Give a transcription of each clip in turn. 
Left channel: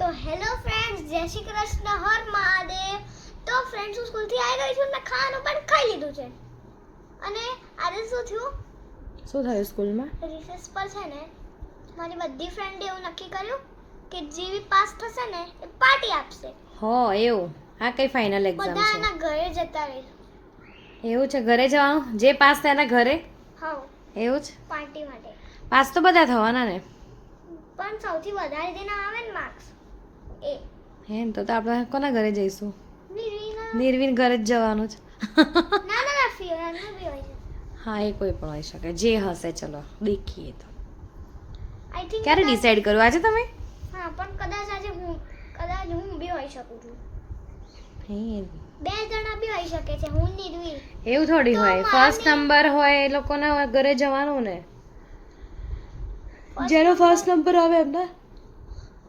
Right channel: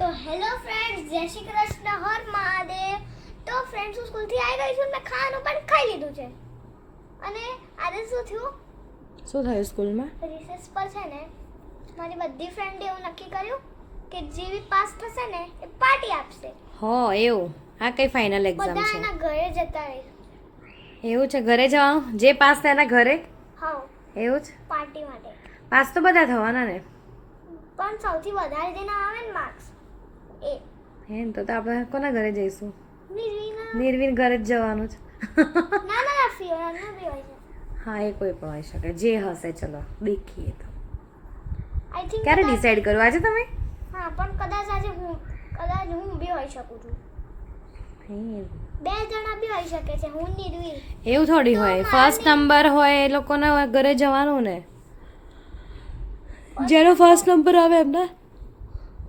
તો hello friends, જય શ્રી કૃષ્ણ, હર મહાદેવ. તો ફ્રેન્ડ્સ, હું સ્કૂલથી આવી ગઈ છું. મેં ખાવાનું પણ ખાઈ લીધું છે. અને આજે શું થયું? શું થયું સ્કૂલમાં? રિસેસ પર છે ને મારી બધી ફ્રેન્ડે એવું નક્કી કર્યું કે જેવી પાસ થશે ને એ પાર્ટી આપશે. હો એવું? આ કઈ ફાઇનલ એક્ઝામ બધા છે? એના ઘરે જતા રહીશું. એવું છે? ઘરે જવાનું? જે પાસ થાય એના ઘરે? હા, એવું છે? પાર્ટી માટે. પાસ તો બધા થવાના ને. પણ સૌથી વધારે જેના આવે ને માર્ક્સ એ એમ તો આપણે કોના ઘરે જઈશું? નિર્વિના. નિર્વિન ઘરે જ જવાનું છે. ના ના ના, ફિયોના બી હોય છે. હા, એ કોઈ પણ હોઈ શકે, જે હશે. ચલો દેખીએ તો. આઈ થિંક ક્યારે ડિસાઈડ કરો આજે તમે? હા, પણ કદાચ આજે હું બી હોઈ શકું છું. હે, બે જણા બી હોઈ શકે છે, હું નિર્વિલ. એવું થોડી તો હોય. મારે ફર્સ્ટ નંબર હોય એ લોકોના ઘરે જવાનું ને. જેનો ફર્સ્ટ નંબર આવે એમને.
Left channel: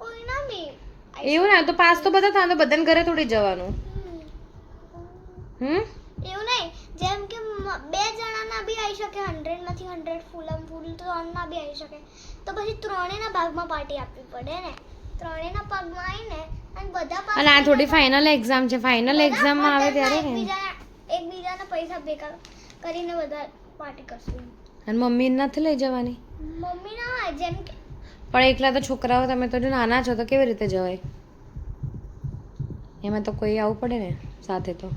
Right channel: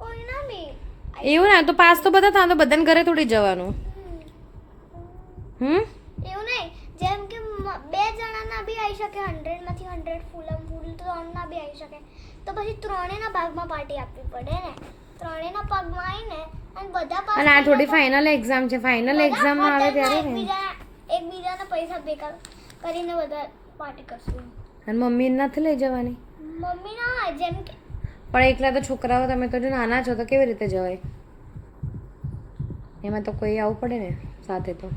કોઈ ના બી એવું ના તો પાસ તો બધા થાય તો બધાને ઘરે થોડી જવાનું. એવું નહીં, જેમ કે બે જણાના બી આવી શકે, 100 માંથી 100 ફૂલ ત્રણના બી આવી શકે. તો પછી ત્રણેયના ભાગમાં પાર્ટી આપવી પડે ને. ત્રણેયના ભાગમાં આવીને અને બધા પાસ અને આ થઈ થોડી જાય તો ફાઇનલ એક્ઝામ છે. ફાઇનલ બધા એક્ઝામમાં આવે ત્યારે ને. એકબીજાના પૈસા ભેગા કરીને બધા પાર્ટી કરશું. અને મમ્મી નથી લઈ જવાની? મમ્મી ના હોય, જેમ કે પણ એકલા તો છોકરાઓ, તમે તો જો નાના છો તો કેવી રીતે જવાય? એમાં તો કોઈ આવવું પડે ને સાથે તો.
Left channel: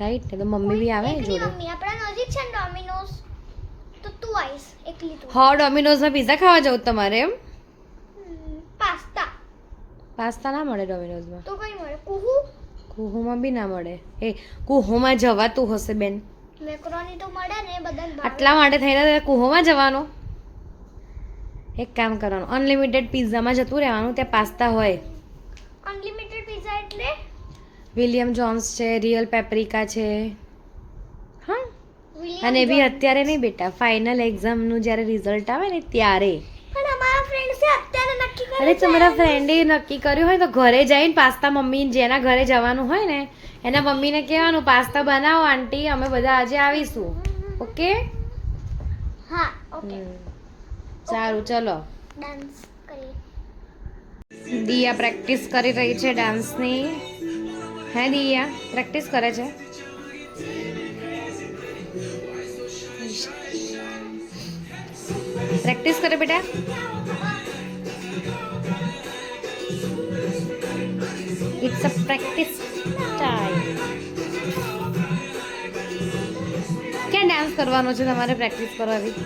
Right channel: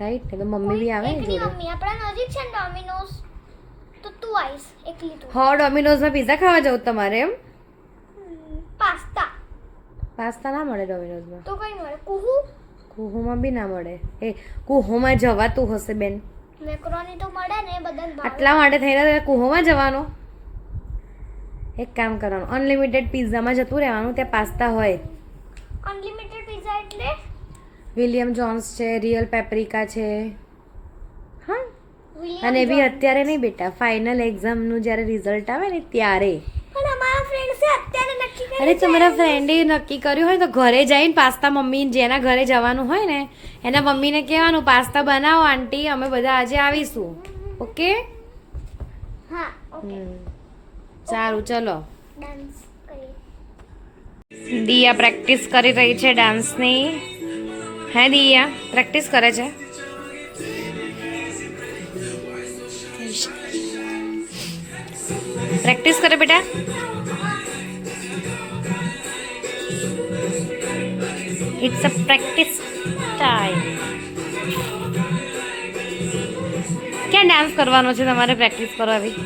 રાઈટ ને? તો મમ્મી બી આવે એકલી જોડે. મમ્મી આપણા નજીક છે ને ડોમિનોઝ, તો તું આવીશ એકલી તું. હા, ડોમિનોઝમાં પિઝા ખાવા જવું તમારે એમ? પાસ્તા પાસ્તા ના મળે ડોમિનોઝમાં. તો કઈ મળે? કુહુ કુહુમાં બી ના મળે. એ કુહુમાં જવાતું હશે બેન. મેક્રોની તો મળે ને, બધાને ભાવે. આટલા માટે થઈને કુહુમાં જવાનું? એક કામ કરવાનું, અનલિમિટેડ પિઝામાં જતું રહેવાનું. ત્યાં પાસ્તા હોય. અનલિમિટેડ પિઝા એટલે વિલિયમ જોન્સ છે, રિયલ પેપ્રિકા છે. હા, વિલિયમ અને એ બી જોન્સ. અત્યારે નહીં બેટા, ફાઇનલ એક્ઝામનું જ્યારે રિઝલ્ટ આવે ને ત્યારે. પણ અમારા ફ્રેન્ડ્સે અત્યારે નક્કી કર્યું અરે છે. તમારા ફ્રેન્ડે નક્કી કર્યું હોય તો ઘરે જઈને પાસ્તા, મમ્મી જેના ઘરે જવાનું હોય ને એના મમ્મીને કહેવાનું પાસ્તા બનાવો આંટી, અમે બધા આજે આવીશું. ઓકે? હા, ઓકે. સારું, ચલો. ડાન્સ કરીએ. દિયા પ્રેક્ટિસ કરી રહી છે ડાન્સની. હે દિયા પ્રેક્ટિસ કરે છે? પ્રેક્ટિસ કરે બેટા. It's a practice time. ક્યાં ડાન્સ કરવાનો છે તમારે પ્રેક્ટિસ કરવાવી?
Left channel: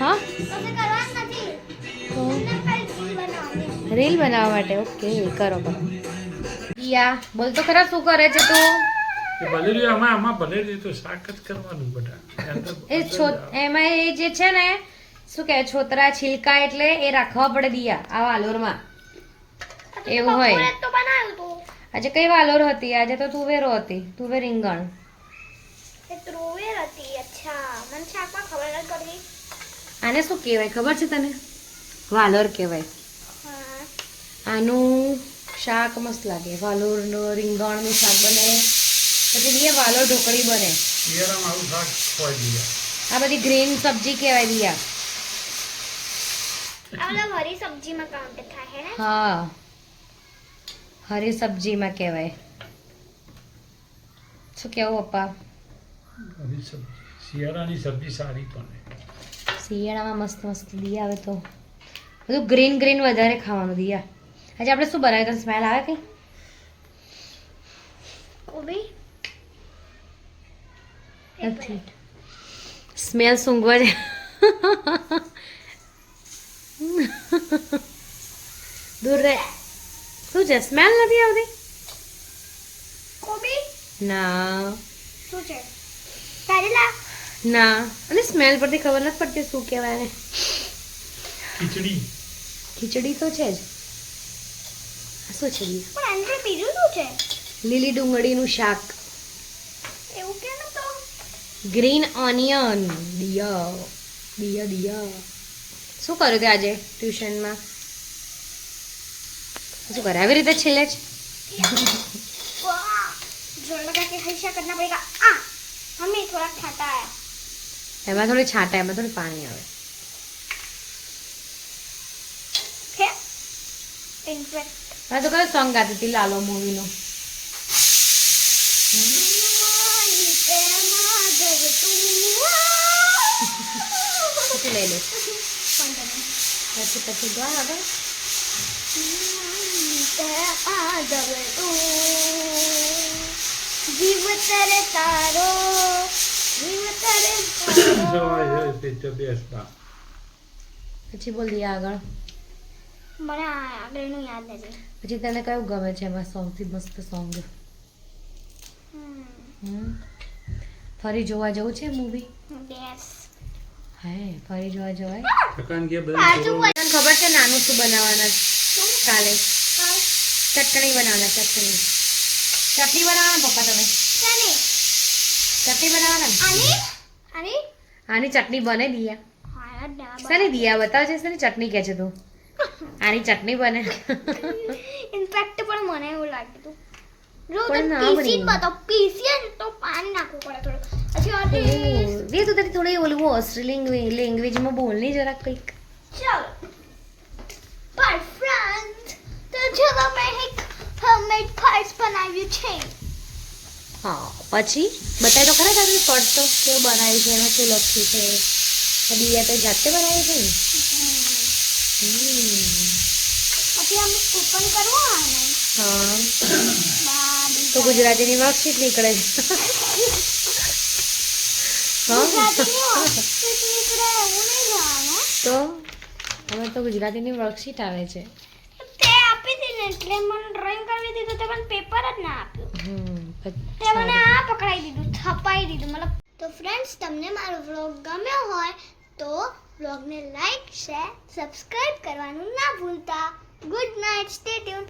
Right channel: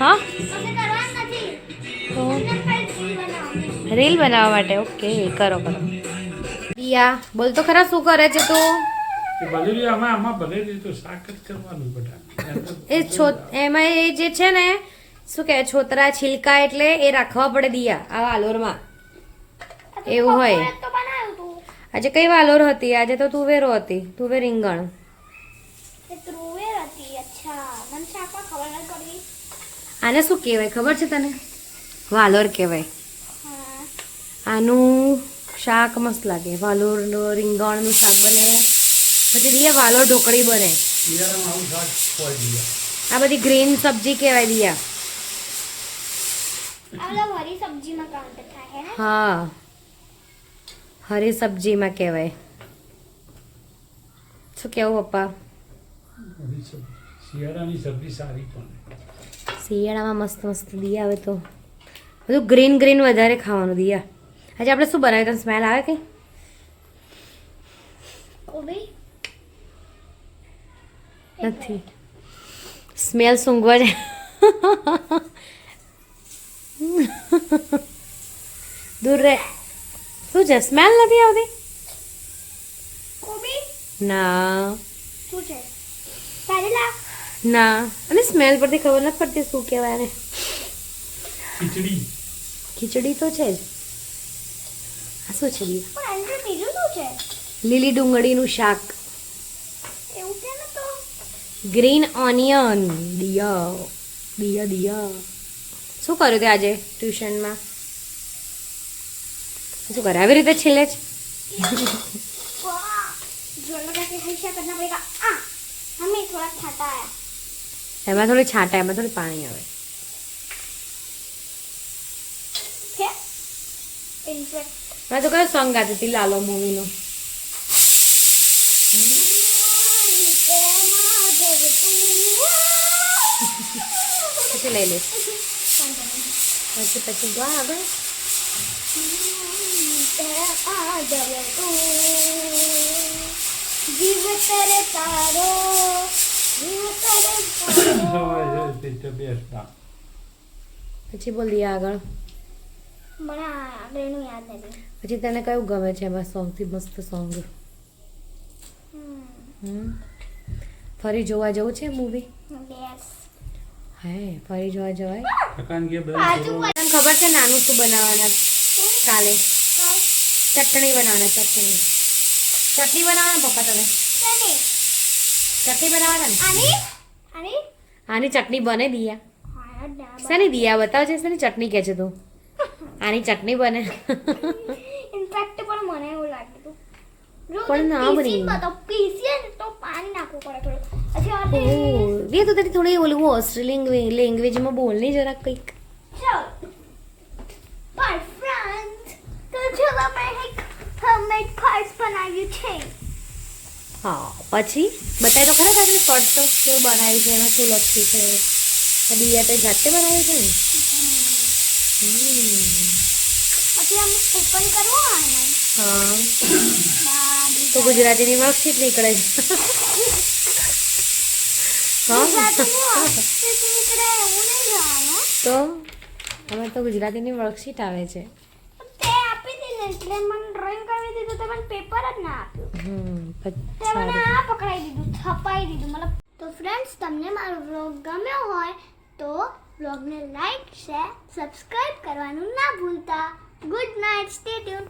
હા, તમે કરવા નથી. તો મને ખાલી રીલ બનાવવાની. રીલ બનાવવા માટે. ઓકે, કરો કરો. દિયા બોલ તો ખરા, શું કરે છે તું? એ ભલેલી આમાં ભલેલી તો શાક જ કરવાનું બેટા. એમાં એ જે છે ને, શું કહે, છોતરા છિલકા એટલે એ રાખવા પડે દિયા આ વાલોરમાં. એવું હોય. બપોરે તો બનાવ્યું તું. આજે કઈ વાલોર હતી? આજે તો તુવેરો હતી. તુવેર રીંગણ. એ ત્રુવેર હતી. અચ્છા, મને શાકમાં ખબર નથી પડી. આને શું કહેવાય ખબર છે તને? વાલોર કહેવાય. હા. આનું શાક મસ્ત લાગે. વાલોર રીંગણનું શાક બને. પછી દિયા વાલોર ઢોકળી બને. શિયાળામાં આવું શાક ખવાય દીધા. આ બધી ગ્રીન સબ્જી કહેવાય દિયા. આ બધા હરી સબ્જીમાં કાઉન્ટ થાય હે ને? હા, હરી સબ્જીમાં કહેવાય. શું કેવું પપ્પા? બધી સબ્જી શિયાળાની સબ્જી સારી પણ. શિયાળામાં મસ્ત મસ્ત દિયા આવે તો બધું ગ્રીન ગ્રીન વધારે ખાવાનું. દિયા આજે આપણે શું બનાવ્યું? તને સ્મેલ આવે કે? કોબી નથી. સ્મેલ સૂંઘવા જાય. દૂર રહે. શું છે? સ્મેલ નથી આવતી? કોબી ના શું છે? કારેલા. ના, અને સ્મેલ પરથી ખબર નથી પડતી શું કહેવાય એને. ખીચડી. ખીચડી તો છે જ. આ શું છે દિયા? પણ અંદર બીજું શું છે? લીલી ડુંગળીનું શાક. એવું કે ને તો ગ્રીન ઓનિયન. દિયા દિયા દિયા શું કર્યું તે આજે ટ્યુશનમાં? શું કરે? આવી રીતે છેલ્લે જ वाह, जो लगा कि हमेशा करना पड़ेगा। हमें थोड़ा खाता है। એમાં થોડી છાંટા, એમાં થોડી પાણી આવે. ઇન્ફેક્ટ મેં તો કયો સોંગ ગાતી હતી લાલો મૂવીનો. પછી લઈ લે પછી ગા આગળ. જીવ તરે તારો જીવ તરે તારો. બેસતા પછી બોલ દિયા આગળ. મને આગળનું યાદ નથી. પછી તને કયું ગમે છે એમાં સોંગથી મસ્ત સોંગ? ફરી જોવા જવું છે મૂવી? યસ. હા ફરી જોવા જવાય. થકાન ગયા બાજુ બધા તને ખબર છે નાનું શું બનાવવાના કાલે? ચટણી બનાવવાના. ચટણી બનાવવાના પપ્પા તમે? ચટણી બનાવવાના ને? આની આની ચટણી બને દિયા? હા ના શેની દિયા બતાવ છે શેની ચટણી કહે છે તું? આની ચટણી બને. ઇનફેક્ટ પણ મને એવું લાગ્યું હતું જો પણ ના બની. પીસી તો પીસીએ ને તો પાણી નાખવું પડે થોડું. પછી આ એ તું તારી થોડી ઓલું ઓસ્ટ્રેલિયન લેંગ્વેજમાં બોલ નહીં જરાક કંઈક. ચલો બાય ફ્રેન્ડ તો ચલો મેં એક હોમમેડ ફર્સ બનાવ્યું છે. હા પછી બતાવી તો ખરા તારે ફર્સ્ટ તો કેવું બનાવ્યું છે એમાં શું લખ્યું છે? દિયા તે જાતે બનાવ્યું છે ને? પછી આમ ઓપન કરવું હોય ને હા બાબી તો ગુજરાતીની વર્કશીટ નીકળે છે. હા ગુજરાતીનું નીકળે એવું નહીં જવાનું. તો હવે તો ગુજરાતીની વર્કશીટ આવે છે. તે આપી હતી ને એટલે મને ડ્રોઈંગ કરવી દીધું તો મને પેપર જ ના આપ્યું. તે મને સારું. આ પકડાઈ દીધું છપાઈ દીધું મતલબ. તો ફ્રેન્ડ્સ તમને મારો વ્લોગ ગમ્યો હોય તો વ્લોગને લાઈક શેર સબસ્ક્રાઇબ કરવાનું ના ભૂલતા. Good night stay tune.